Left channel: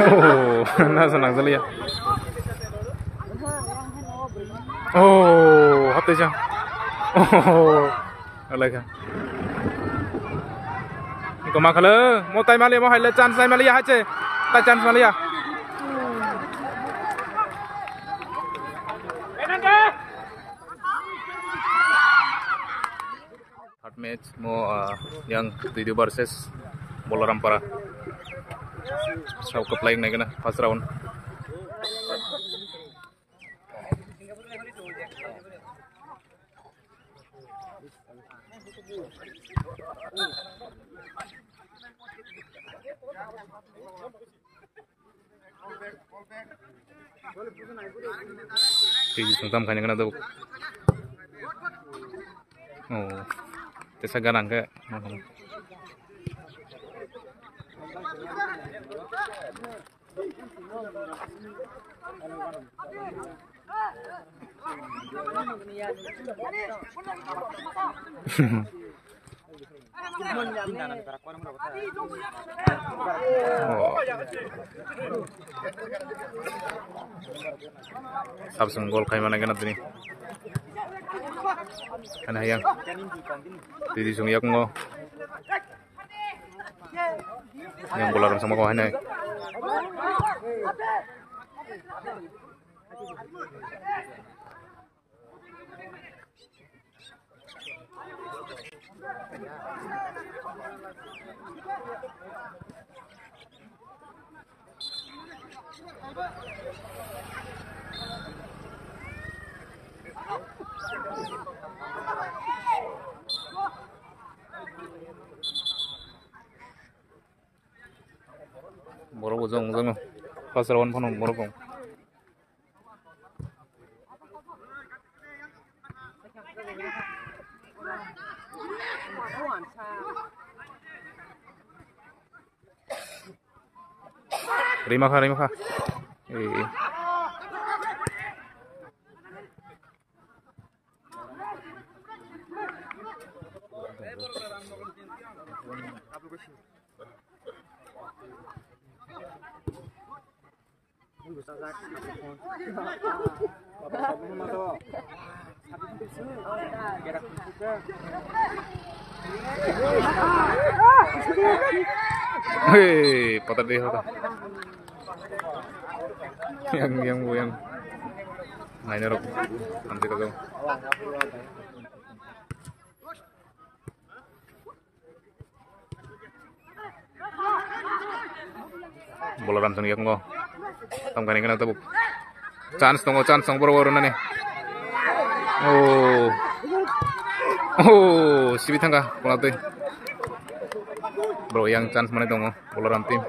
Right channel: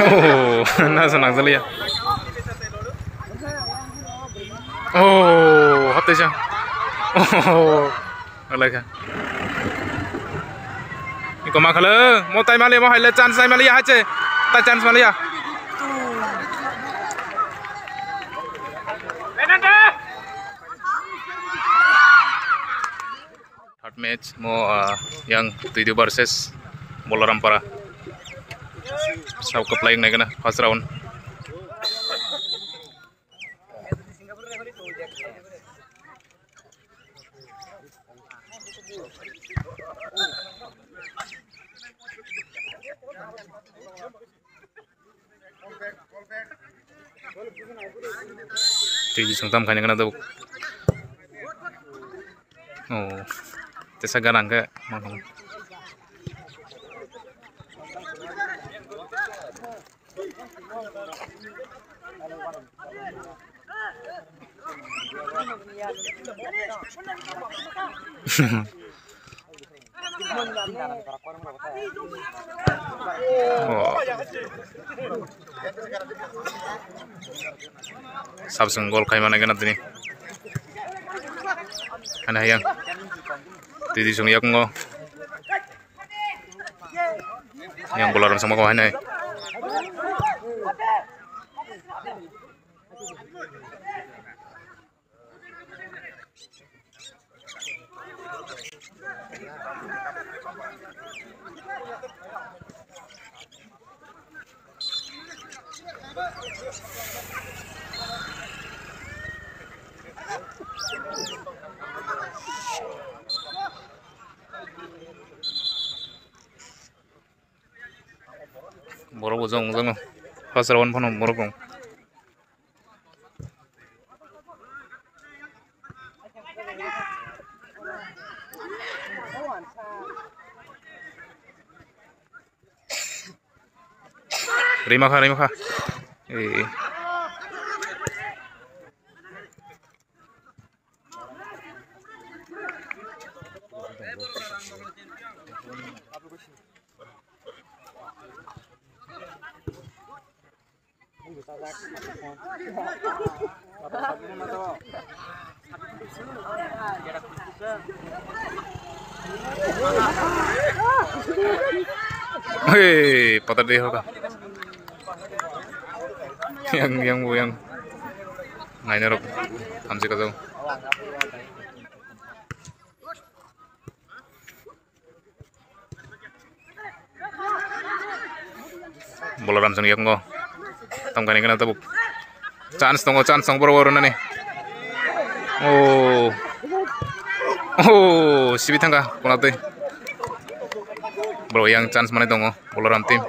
Oh, nasa nang zali ya. Oh, hapte siya. Oh, alaga. Iko makala, mo tay mali mo haile chance ay mali ya hache. Ta chance mali ya. Third match mo yang tujuh versus Bolarampara. Sau ke playing naik na first round. Tujuh sengtam kanya kena tuh. Oh, tesa garang ke mana? Oh, Samsung gol kayak mana kena tuh nih? Ana yang tidi sung yak ngo yang Bolaram sama kawan nih. Boro bojong bojong first round pun boro kong. Rima kha. Eh. Hei, patah deh hoka. yang nanya rok, hamsi kau. Bolaram sang yak ngo. Tam kani kana tabuk. Chance tong boro nih. Oh, sibitangga kunate. Bro yang chance mana tongo Bolaram tim.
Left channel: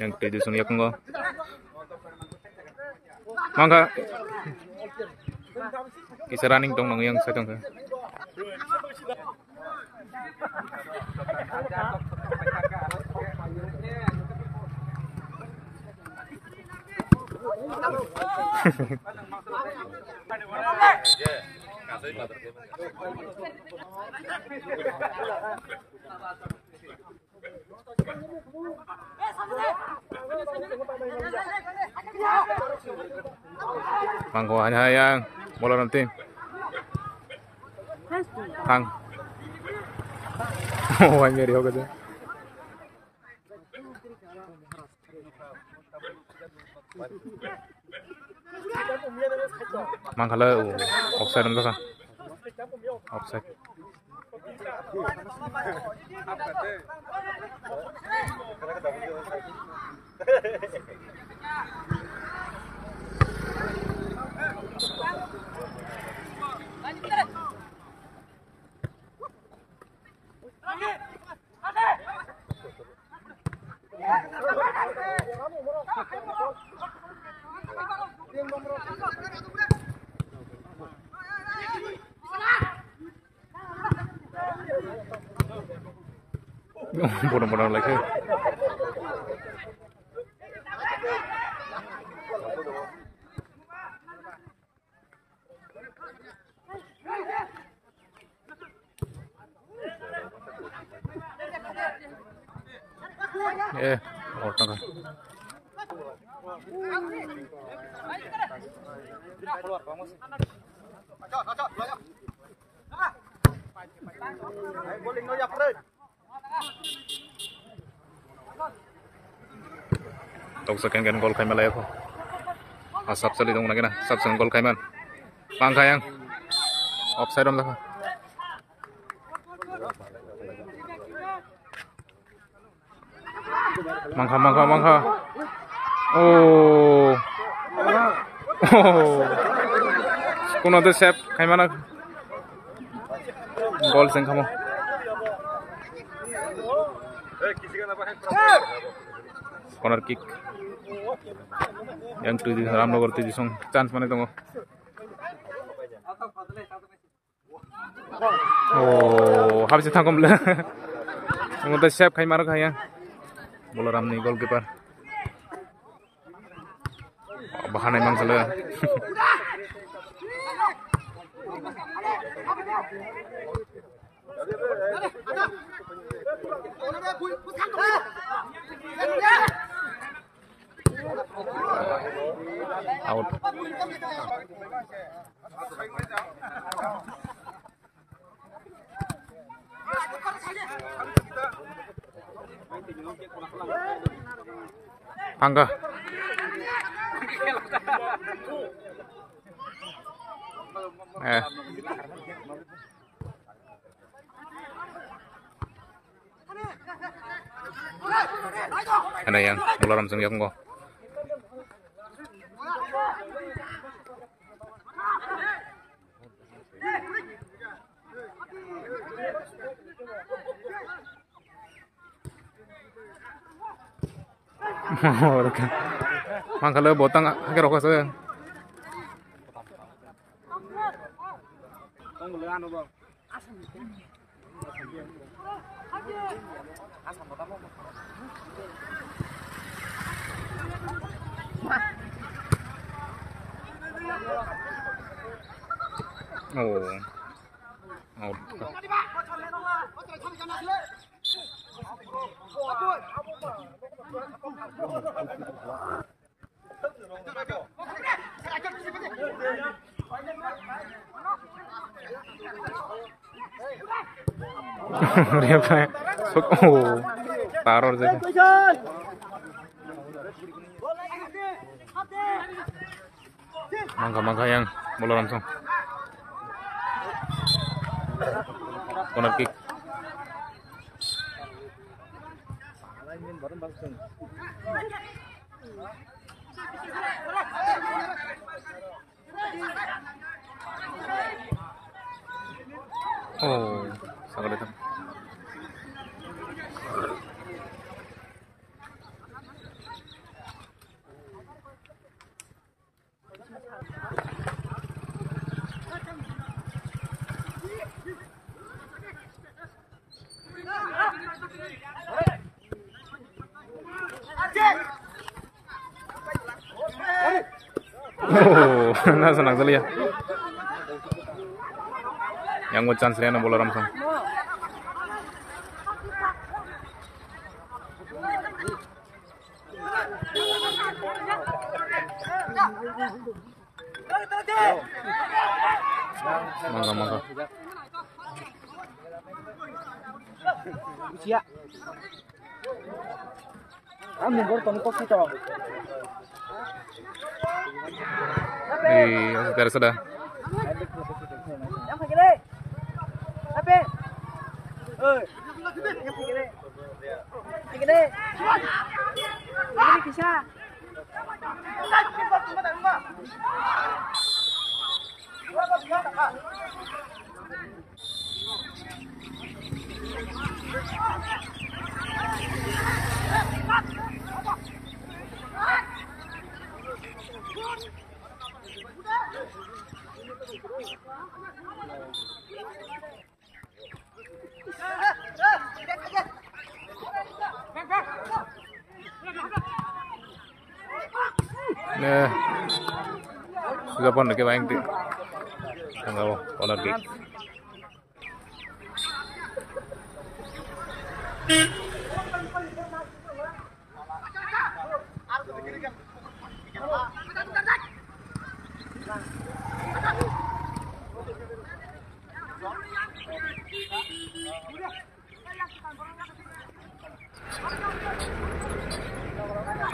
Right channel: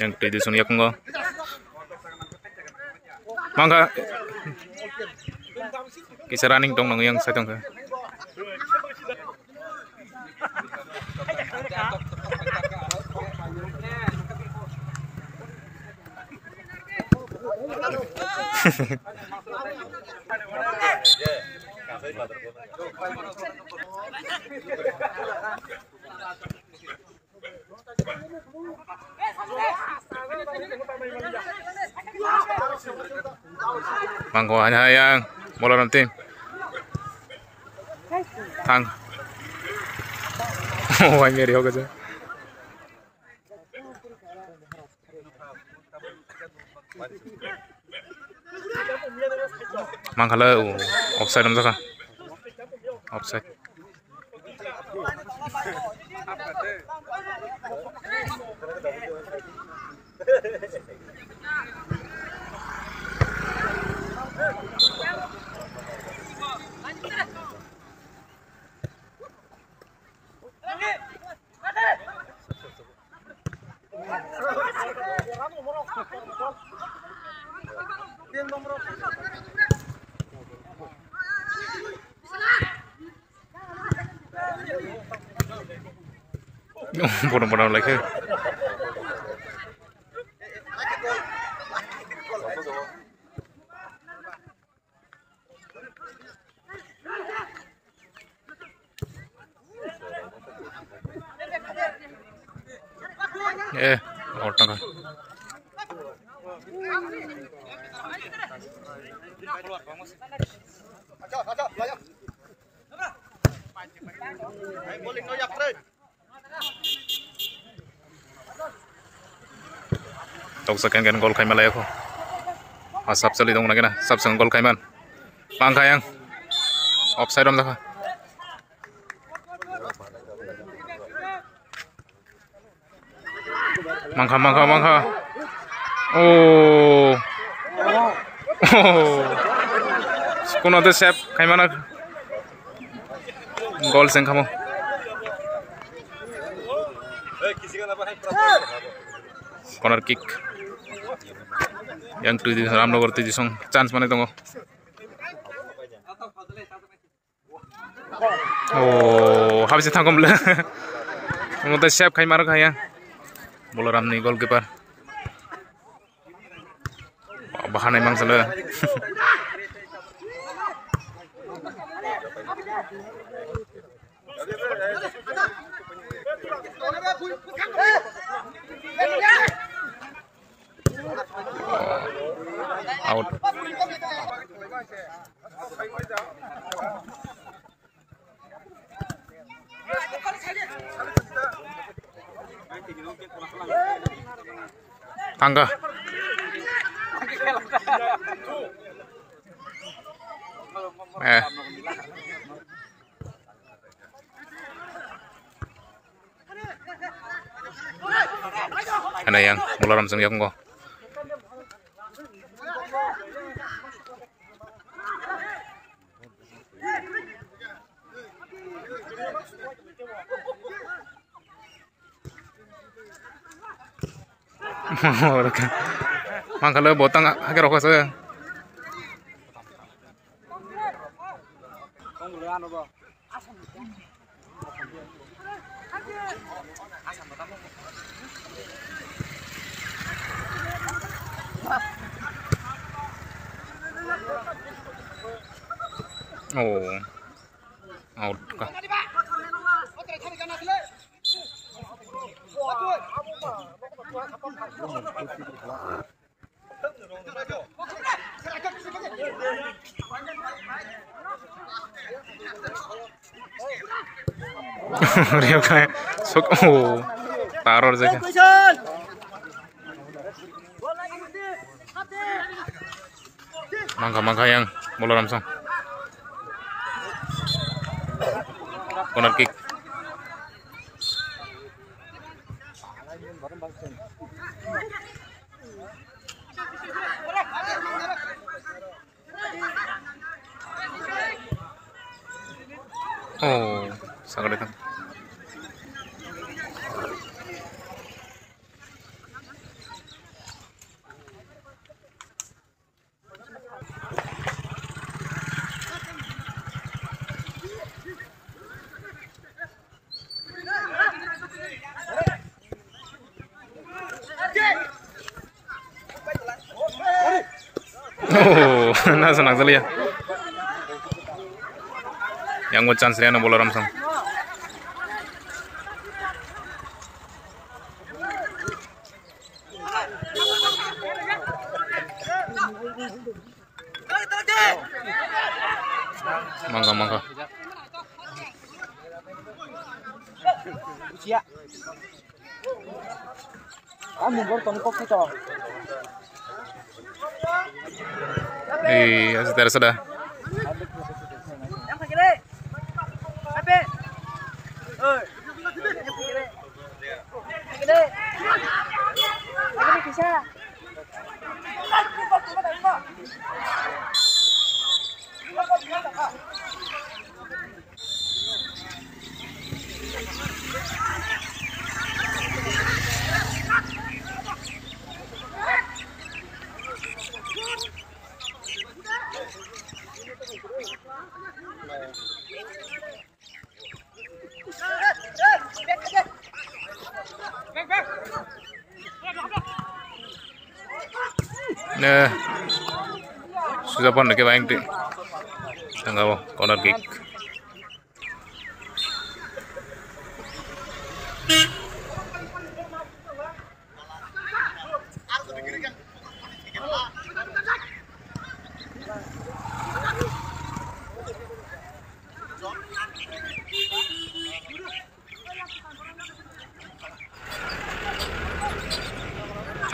Yang tadi sun yak ngo. Mangga kisah running dong yang saya tong. Mangko hanya yang Bolaram tim. Thang. Oh, anh nghe điều cơ chứ. Mang khá lơ, offside làm sao cả? Offside. Bodoh-bodoh lagi. out tangka. Tok second kan gol kaiman layak ko. Asap sali dong lagi na. Sab sang gol kaiman. Pangkayang. Offside om laka. Mangka. Oh. Kuno de sep kaiman gol seng kamu. Corner kick. Yang tu di Ramnogor tu di song chance mana tunggu. Oh, habis itu tangkom le. Mungkin siap kai marah kaya. Bola Ramni goalkeeper. Bahan emang salah. Out. Angga. Ada yang bola langsung yang kok. Mang kalau botang agak rokok saya. Oh, out. Rio kayak sok taruh saja. Mangka yang bola langsung. Corner kick. Oh, sangat dekat. Oh, nah senang sekali ya. Yang mau chance dia bola langsung. Mangga. Usia. Kamu borton kok kita. Sudah. Yang kiri. Ape. Yang kiri. Kiri. Ini bisa. Nah, sudah pun lagi banyak di tengah corner kick.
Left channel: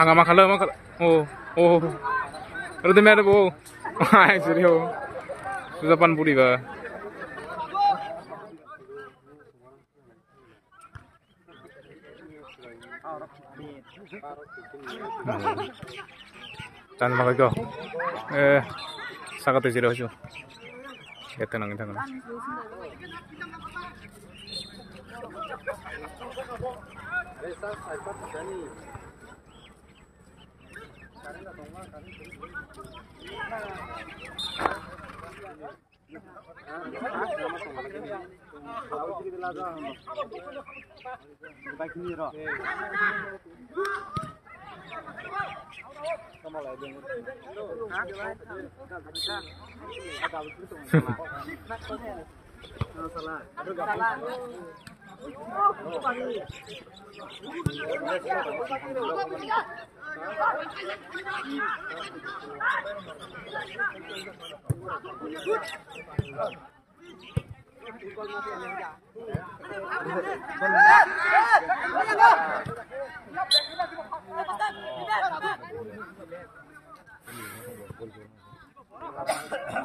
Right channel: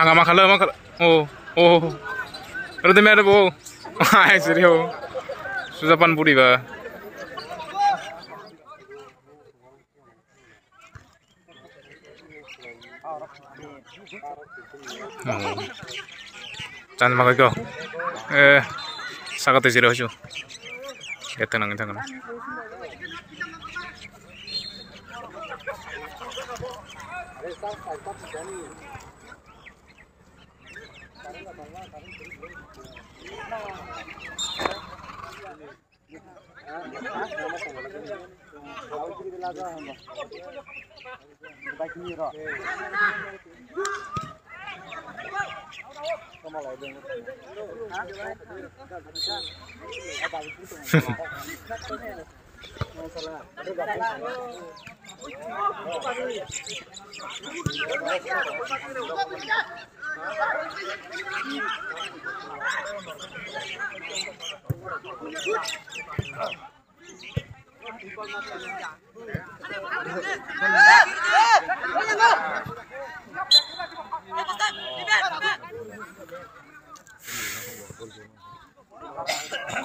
Angga makala. Oh. Pero de merda bo. Ai serio. Susapan puri ba. Chan makai ko. Sagat serio chu. Tenang.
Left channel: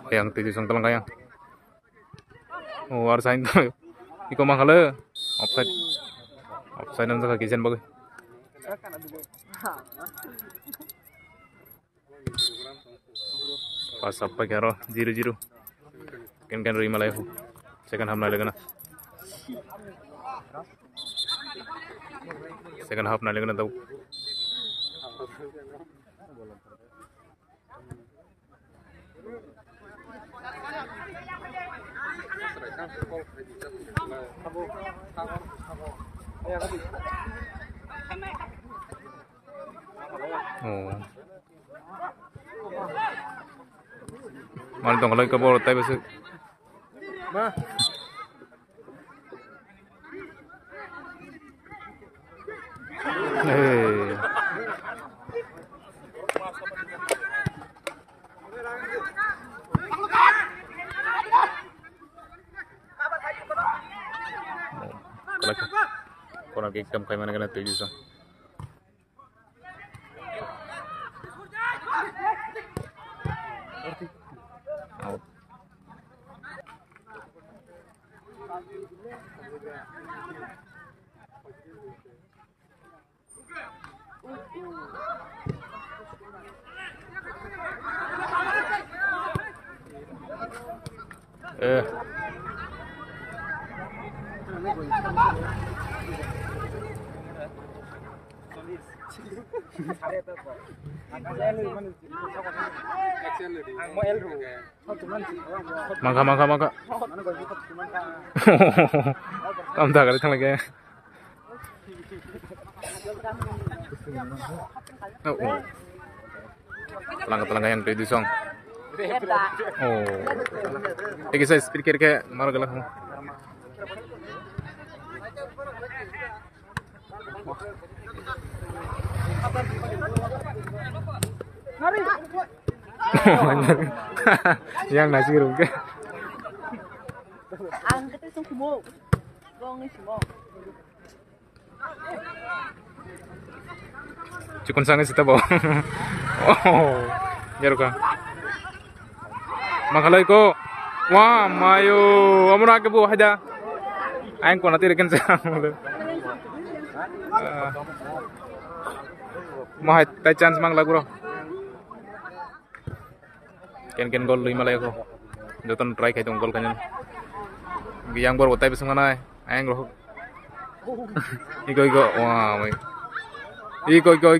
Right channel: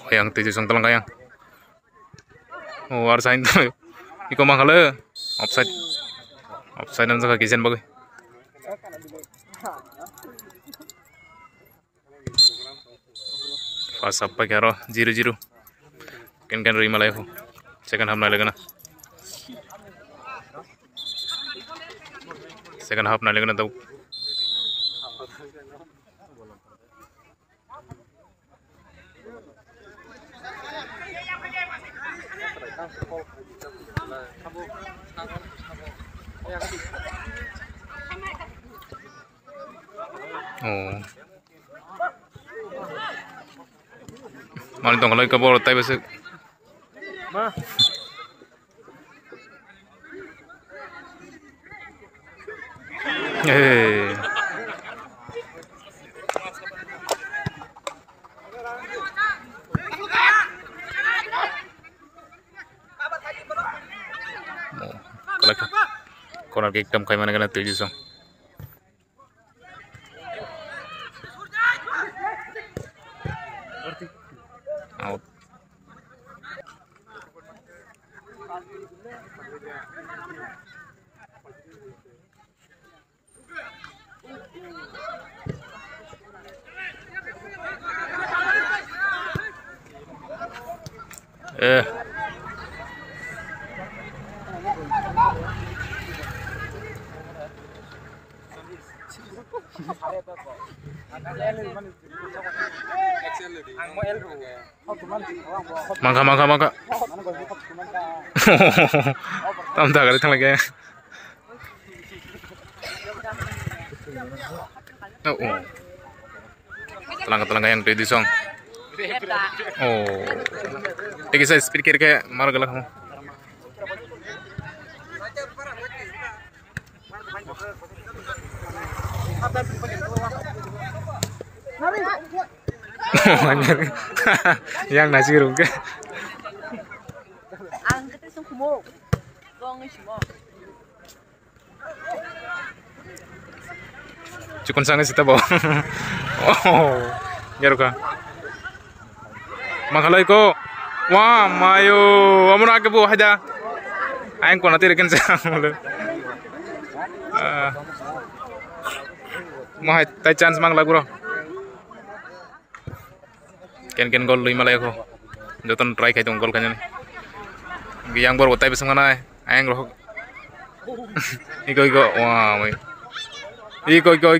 Yang 7 sang telang kayang. Oh, arsain tuh. Iko mangkala. Offside nan saka kijen bagai. Pas apa karo 0-0. Kan rima live. Second half na legana. Tau. Oh. Mana tong kalau kabur tapi besok. Corner kick kam kai mana kena 7 sang. Out. Mangka. Tam dah kali lagi. Oh. Telang yang ready song. Oh. Tik saya speed kira mar galak ho. Yang nasi rungke. Ang kete sung kumo. Dong ni simo. Cikun sangat sita bawa. Oh, garuka. Makalai ko. Wah, mayo. Amun ake bu haja. Aing ko nanti reken sang. Mah tay chance mang lagu ro. Ken gol lima lagi ko. Joton try kai tong gol kanya ni. Yang baru tay besang mana? Aing ro. Iko. Wah, mai. Iko. Go,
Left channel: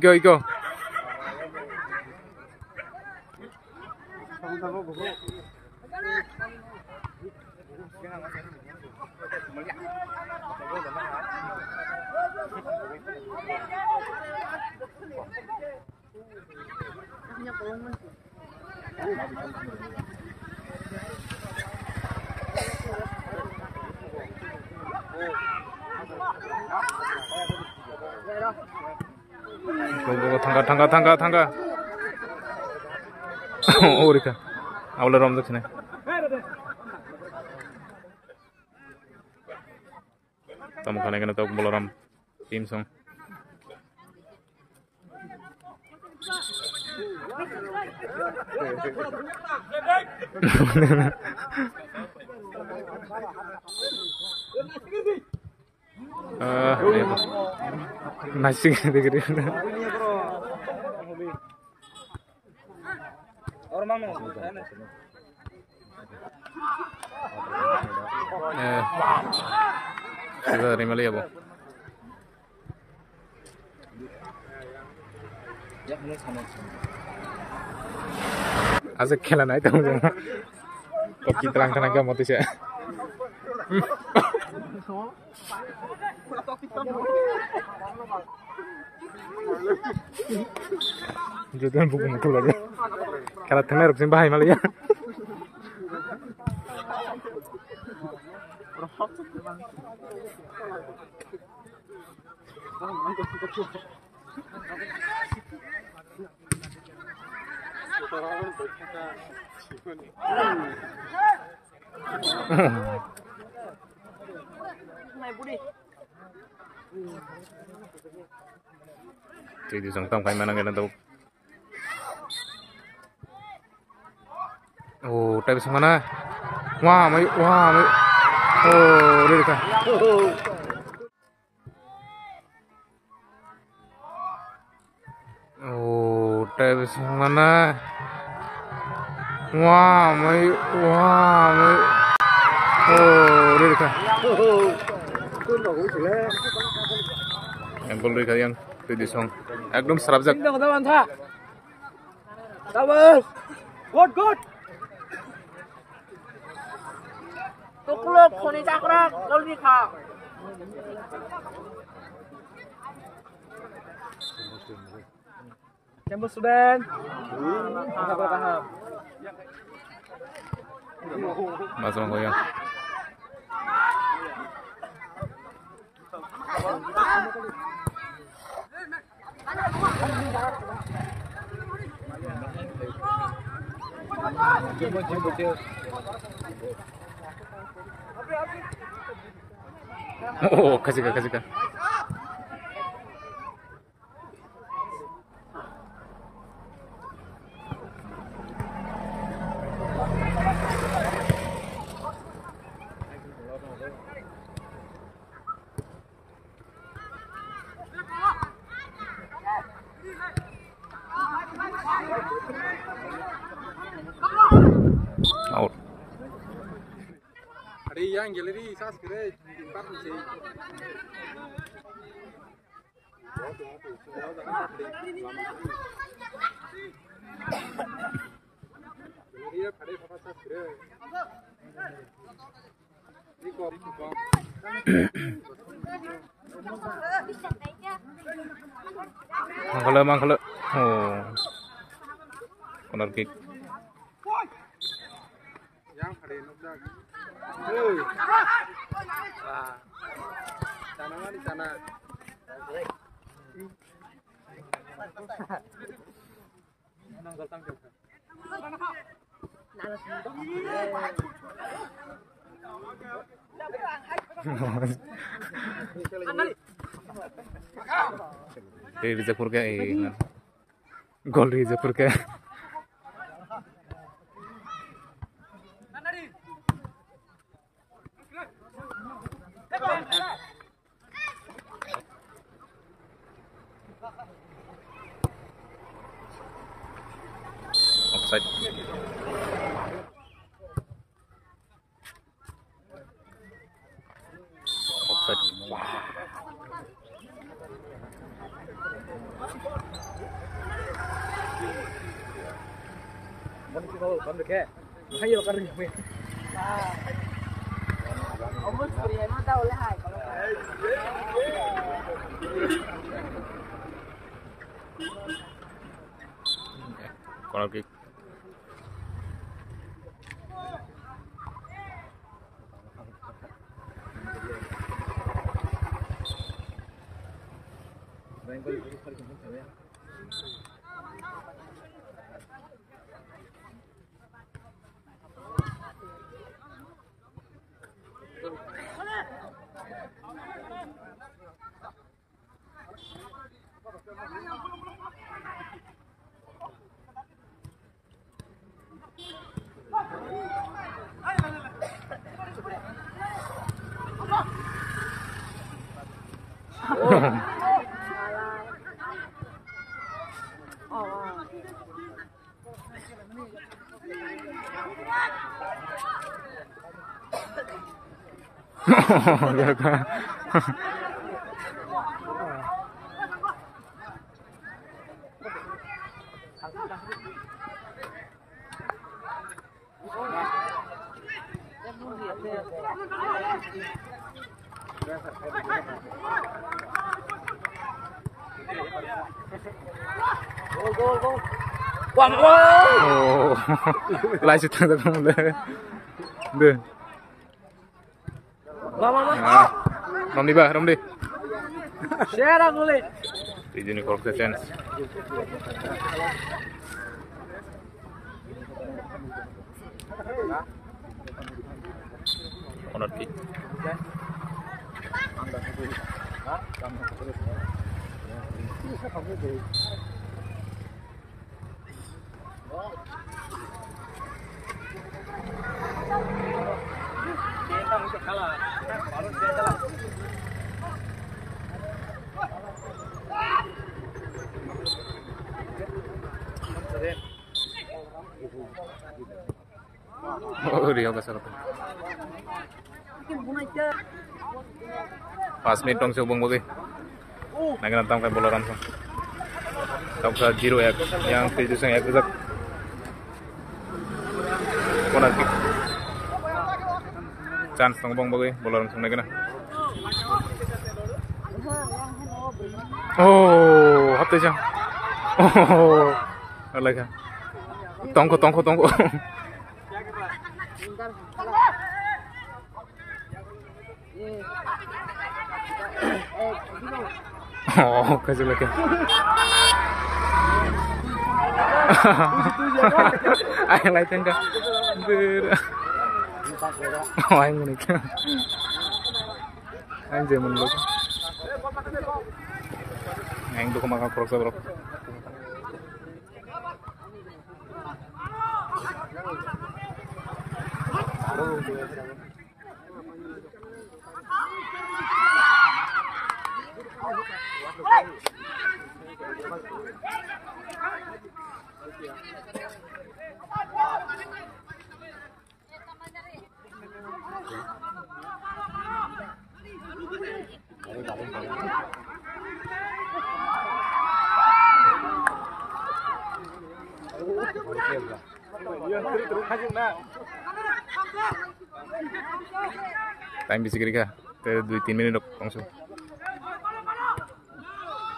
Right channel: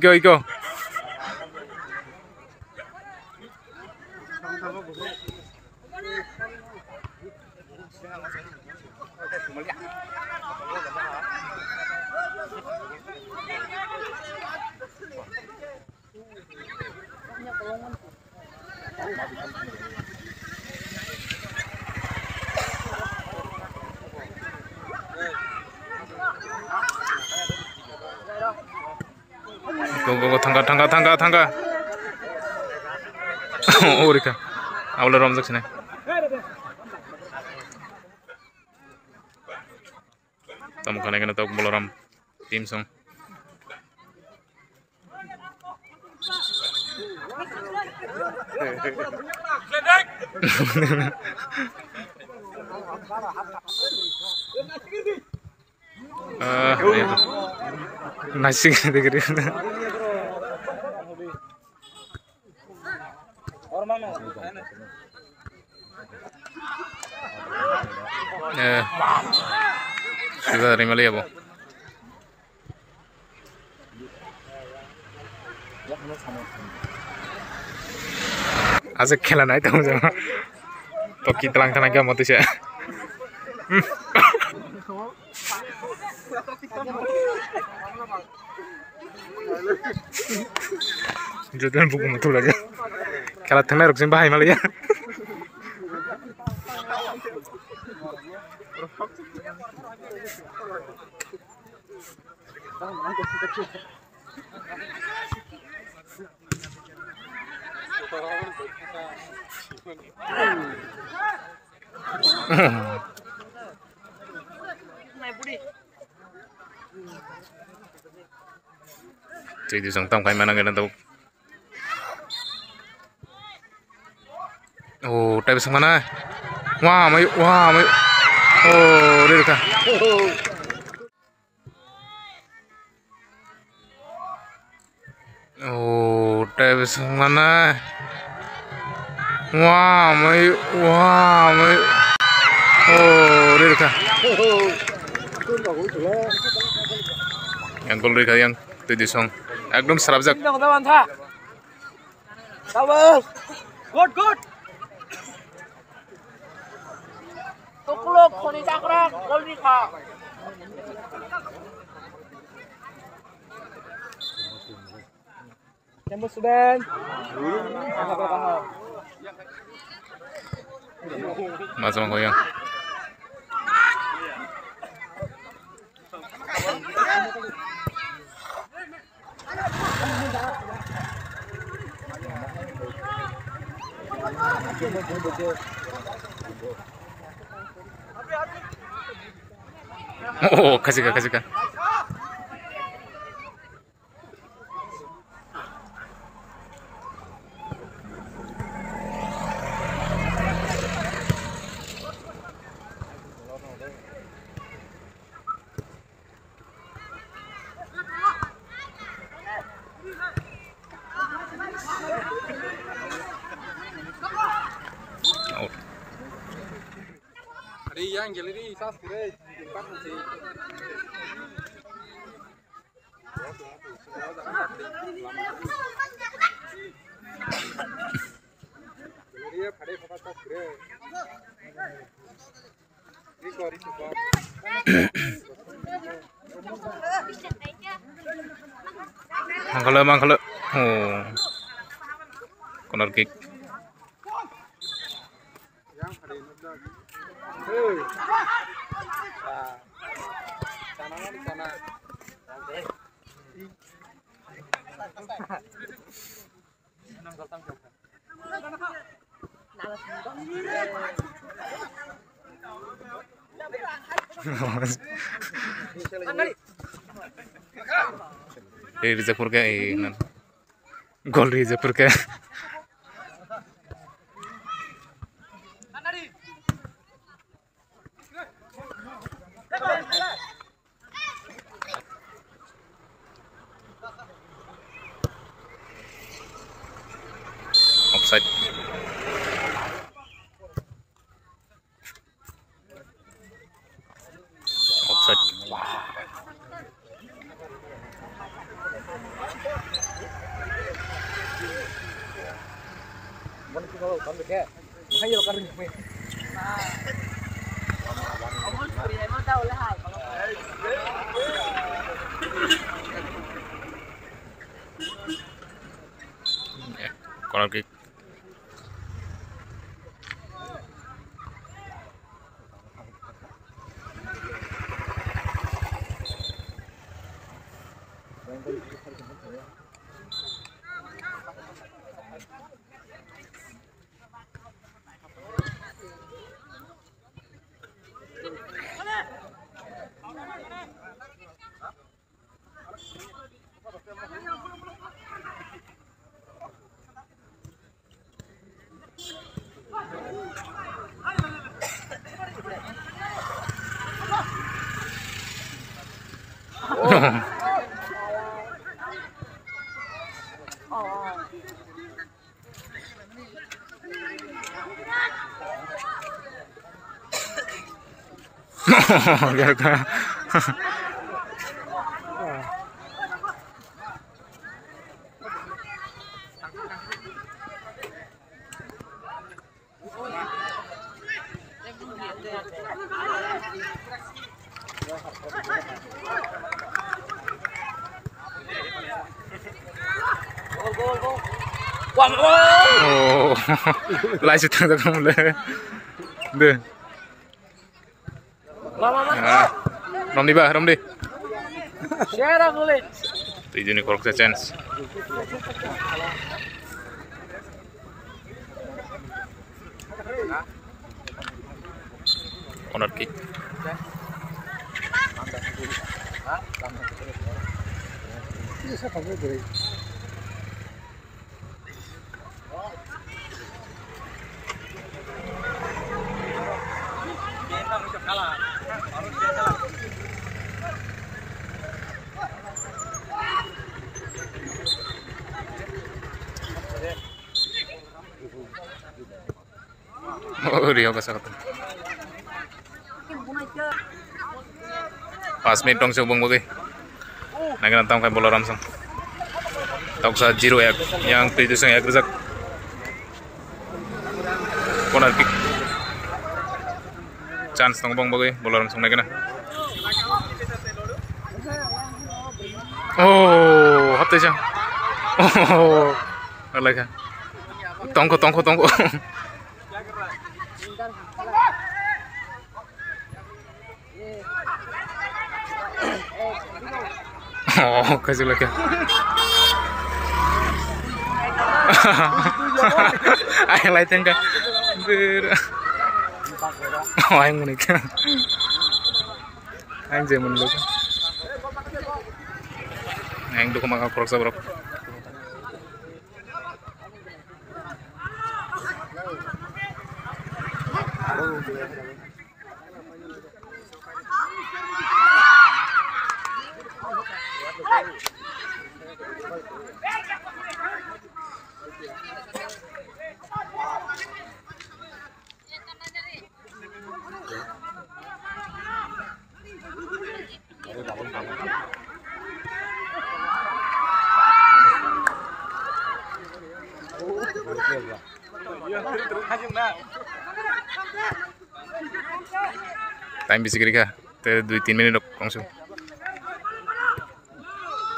tangga. Oh, Rika. Awalnya rom sini. Tamu kane kene tok boloram tim song. Nasi dikiri. Sudah terima lihat bu. Asik खेला नहीं था मुझे तो कितलांग था ना क्या मत इसे Jodohan buku mutu lagi kalau tengah ruksin bahaya malah ya Jadi sang tam kayak mana kan tahu. Oh, tapi sang mana? Wah, mayu. Oh, udah kah? Oh, tapi sang mana? Wah, mayu. Oh, udah kah? Yang gol udah yang tujuh song. একদম subject good তোকুলো খনি চাকরা জলদি খা Campus student Masuk goyang Oh, kasih kah. Out. Ada yang galeri sas kere empat masih. Galeri pada apa sas kere. Ini kori juga. Mangkala. Oh. Corner kick. Yang pada nubla. Hei. Sana mana sana. Nanggal tangkap. Rizapur ka gol Rizapur ka offside. Kalau kan dek, makanya kan ini. Ông muốn cười này nó đâu là hại Corner kick. Gitu kan. Gol. Wah, gol. Oh, lai sudah tak kamu le. Deh. Mama. Ah, rom di. Share gol. Tujuh ni korek chance. Corner kick. Oh, dia ka sakit. 5 menit dong subong bagi. Naging nantang kay bola Ramsong. Tawag sa 0-1 yang previous ng Agrizak. Corner kick. Chance ng bang bagi bola Ramsong naging na. Oh, hapte siya. Oh, alaga. Tongko. Oh, kasih lagi. Ayo lihat enggak? Oh, ayo menik. Anjir menurut. Yang dulu makan korok sabrok. Time bisa kira-kira 2-3 menit langsung.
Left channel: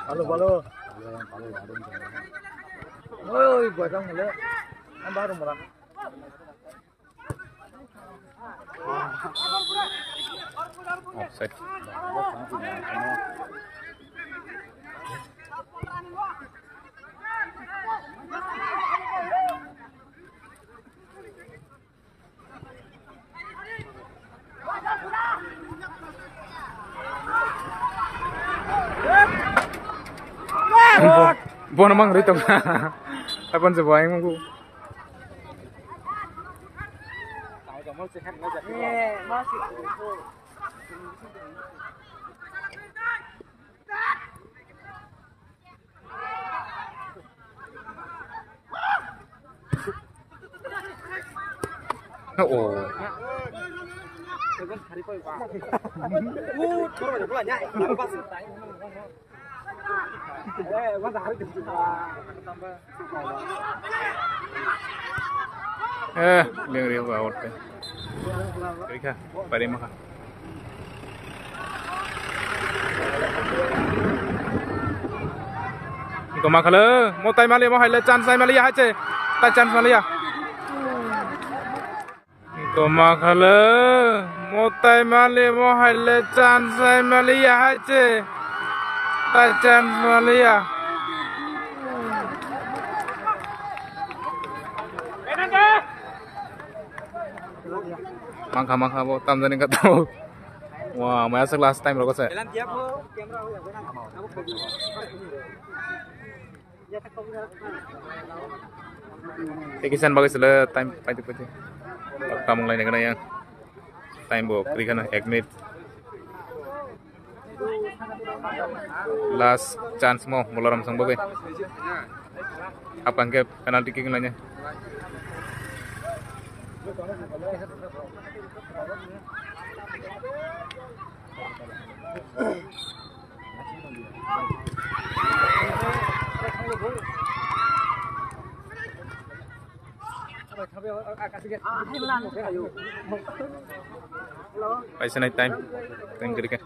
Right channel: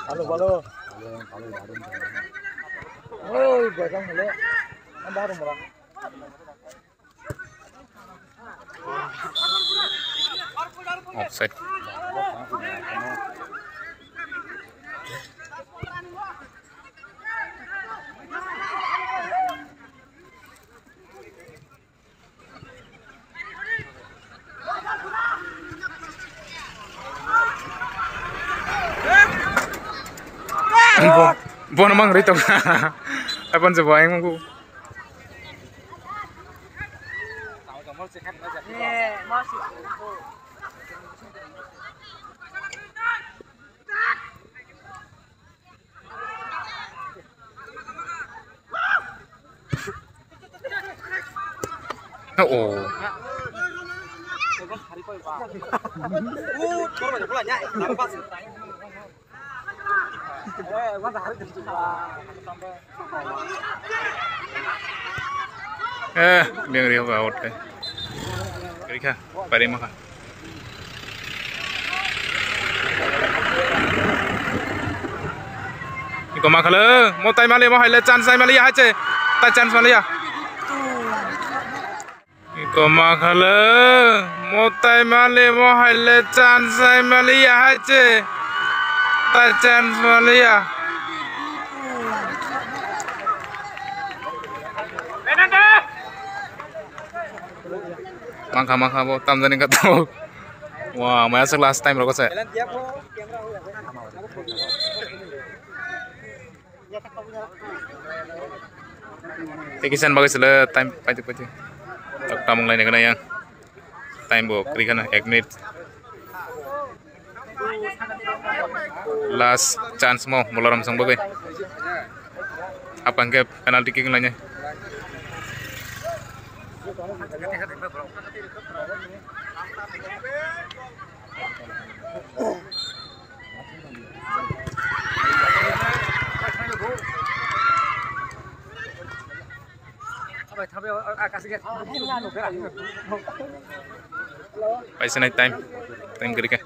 Halo. Oi, bacang mule. Ang baru murah. Offside. Buat namang rito ka. Apa sa buhay mo ko? masih. Oh. Biar dia out kan. Kira pare maka. Iko makala, mau tay mali mau haile chance mali ya hache. Ta chance mali ya. Iko makala, mau tay mali mau haile chance mali ya hache. Ta chance mali ya. Mangka bo tam jani ka to. Wah, maya sa last time roko sa. Tekisan bagus sila time pati. Tak tamong lain na yang. Time bo kri kana 1 minute. Last chance mo mula Ramsong bagai. Apa ang penalty kick lainnya? Paisa naik time kiri ke.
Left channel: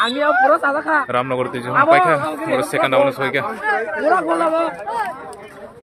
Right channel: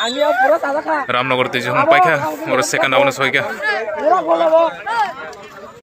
Angin pura salah kah? Ramnagar tujuh paika, orang second awalnya soalnya. Pura bola bo.